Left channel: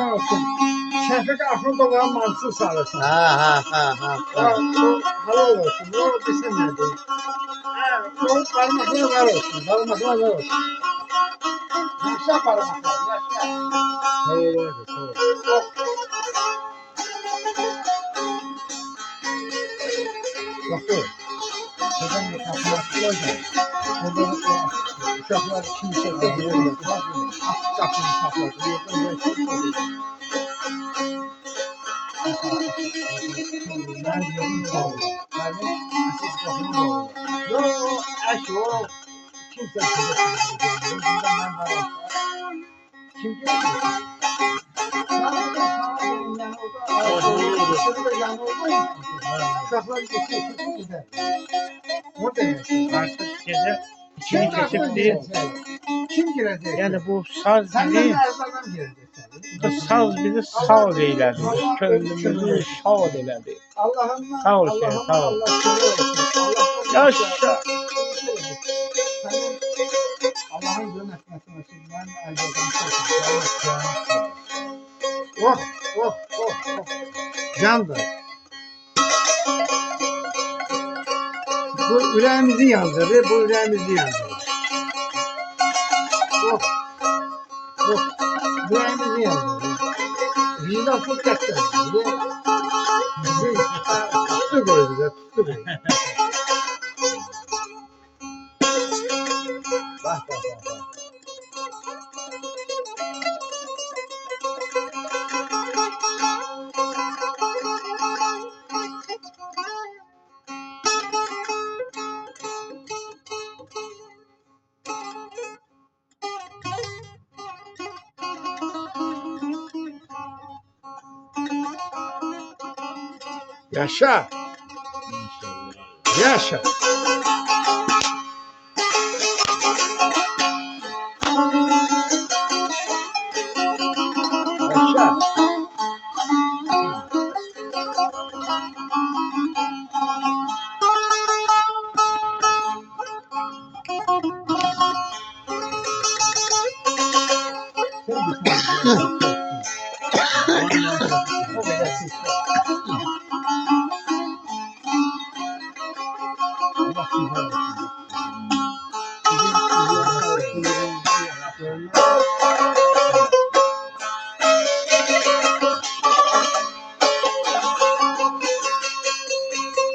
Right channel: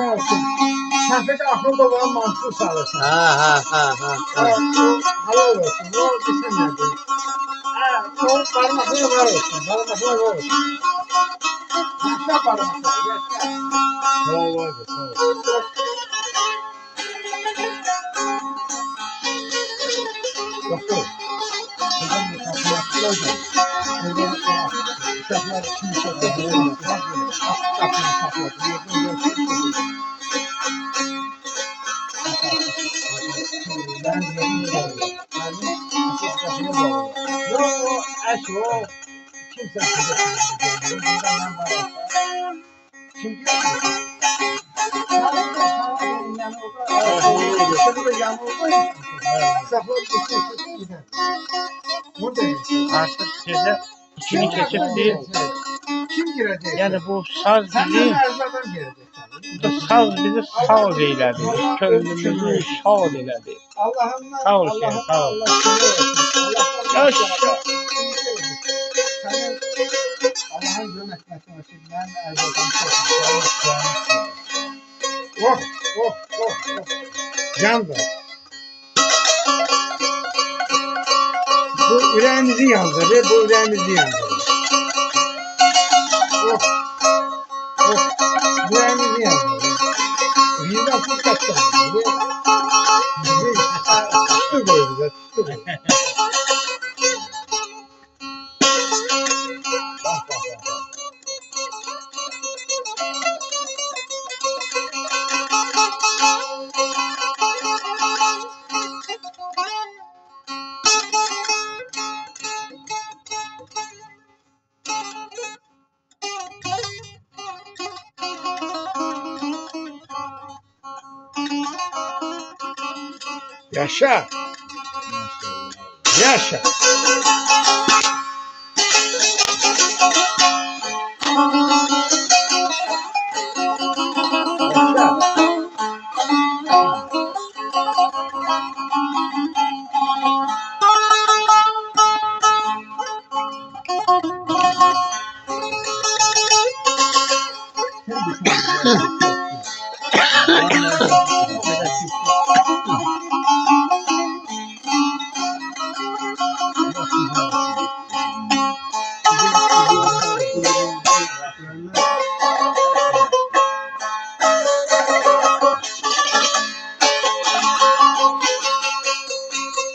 kurban olsun. Şefik Axundova'nın mantısı sağlasın. Ha. O halal olsun. O bilsin nedir. O parmakları var olsun. Parmaklar var olsun. Yaşa parmaklar. Yaşa. Sağ ol abi, sağ ol. Doktor. Buradan bir kapı yaptılar da. Buradan uşaklar kimse de bilirler. Kapını sakladı. Ben diyorum ne oluyor? Yani asıl kapını bağlıyor. Yok, eş o. Kimse bilir. Bundan ben var. Kim diyor ki? Yani o da yanıldı. Uşaklar geçiyor gider. O demek. Artık gece ikini keçip değil. Kim girecek? Yani bu saz Senden bizi, erzağdan girecek. bu saz bizi sağ eyledi. Könlümüzü şad eyledi. Allah'ımdan, Sağ ol Şeyh, Allah'ıma sağ ol. Allah seni olsun. Yaşa. Senin Allah'ın yönetmesine için ben erzağdan çok oh, oh, oh, oh. Candır. Bu yüreğimizi yandırır, bu yüreğimizi yandırır. Oh, oh, yüreğimizi yandırır. Vicdansız kaçtan. Bizi tuttu koydu da, tuttu koydu. Bak, bak, bak, bak. Yaşa. Yaşa. Yaşa.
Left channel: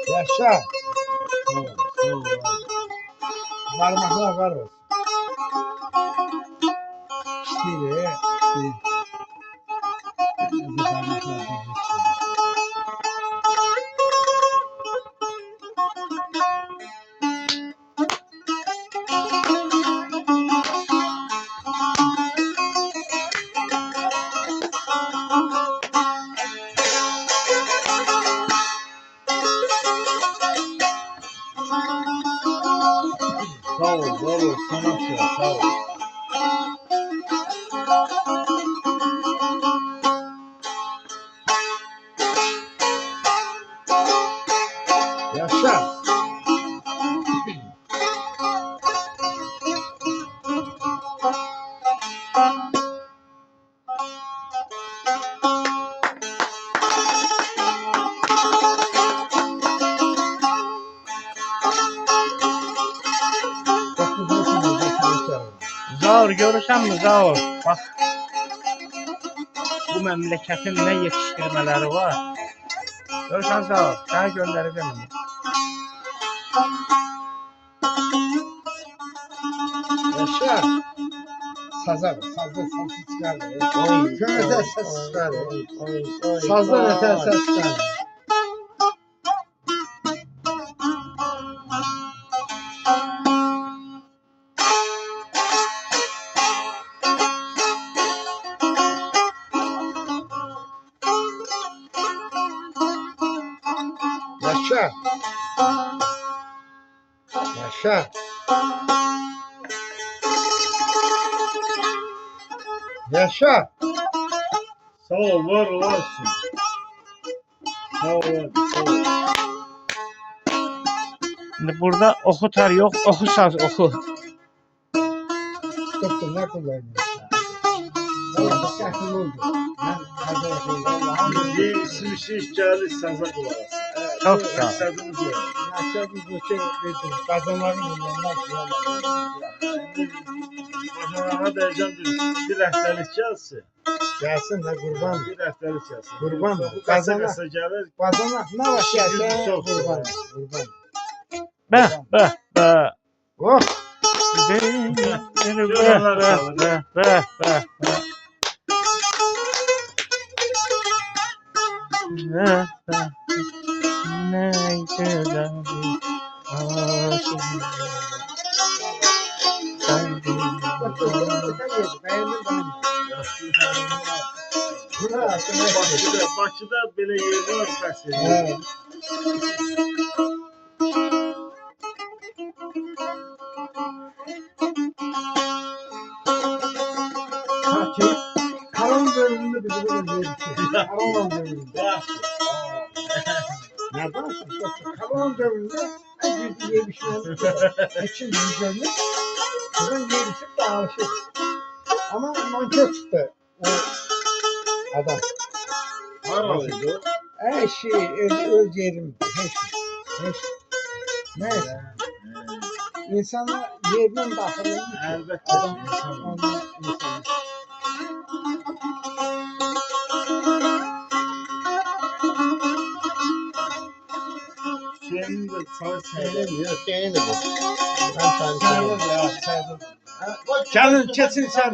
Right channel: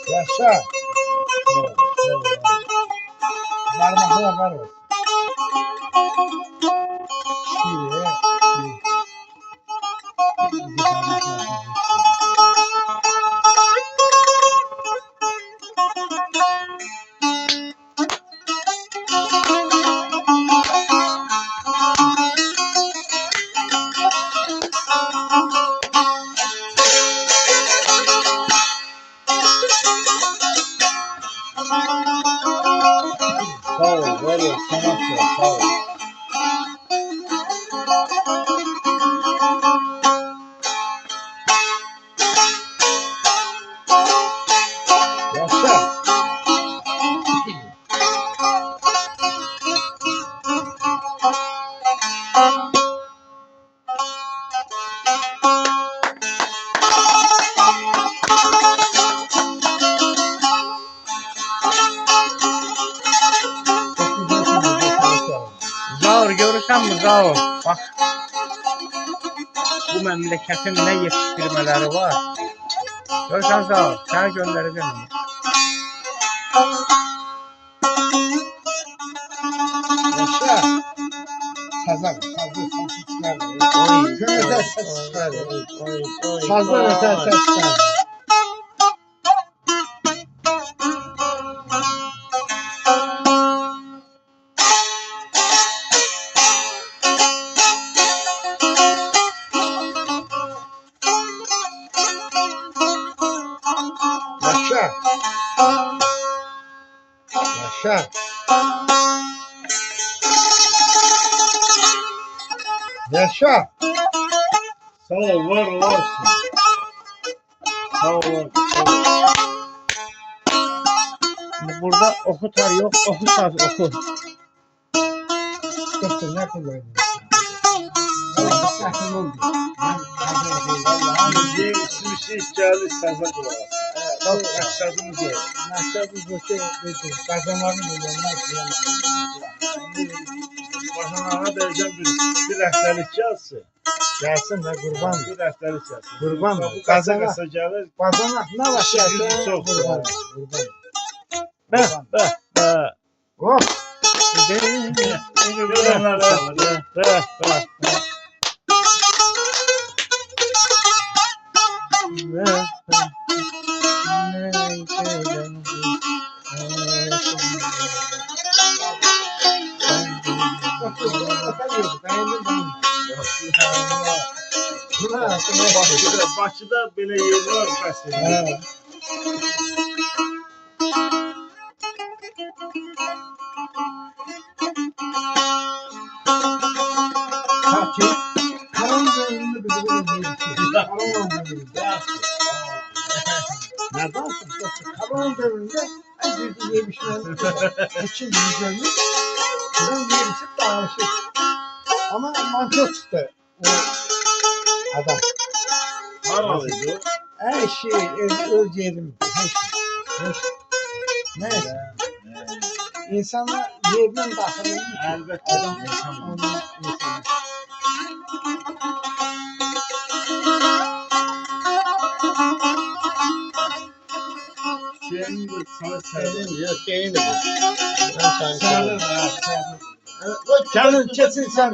Yaşa. Parmaklar var olsun. Şiire. Sağ ol, var ol, sanatçı, sağ ol. Yaşa. Zor görürsen mi zor? Bak bu memleketin ne yetiştirmeleri var. Görürsen zor. Sana göndereceğim. Yaşa. Sazan, sazı çıkar. Oy, Köyde oy, ses çıkar. oy. Sazdan öte ses çıkar. Yaşa. Yaşa. Yaşa. Sağ ol, var olasın. Sağ ol, sağ ol. Şimdi burada oku tar yok, oku saz oku. Doktor ne kullanıyorsun? Səhvim oldu. Mən Kazaya deyirəm. Bizi isim gəldi saza qulaq asın. Çox sağ ol. Məqsədimiz o. Məqsədimiz bu ki, qazanların milyonlar Başına dəyəcəm bir rəhbərlik gəlsin. gəlsin də qurban. Bir rəhbərlik gəlsin. Qurban. Bu qasa gəlir. Qazanaq nə var gəlsə Çox qurban. Qurban. Bəh, bəh, bəh. Oh, Görenler çalır. Bəh, bəh, bəh. Nə gözəl Bakıda belə yerlər var bəs. Karan bölümünde bizi böyle yedik. Karan bölümünde. Nereden çıktı? Karan bölümünde bir yemişler. İçin yüzlerini. Buradan yemişip dağılışır. Ama mantık çıktı. O adam. Haralıydı. Her şey öz yerim. Her şey. Neyse. İnsanlar yerden daxilini Əlbəttə adam insan. ondan insan. Şeyini də sana səyləyim. Yox, deyil bu. Mən səni Sen sevirəm. Gəlin keçin sen.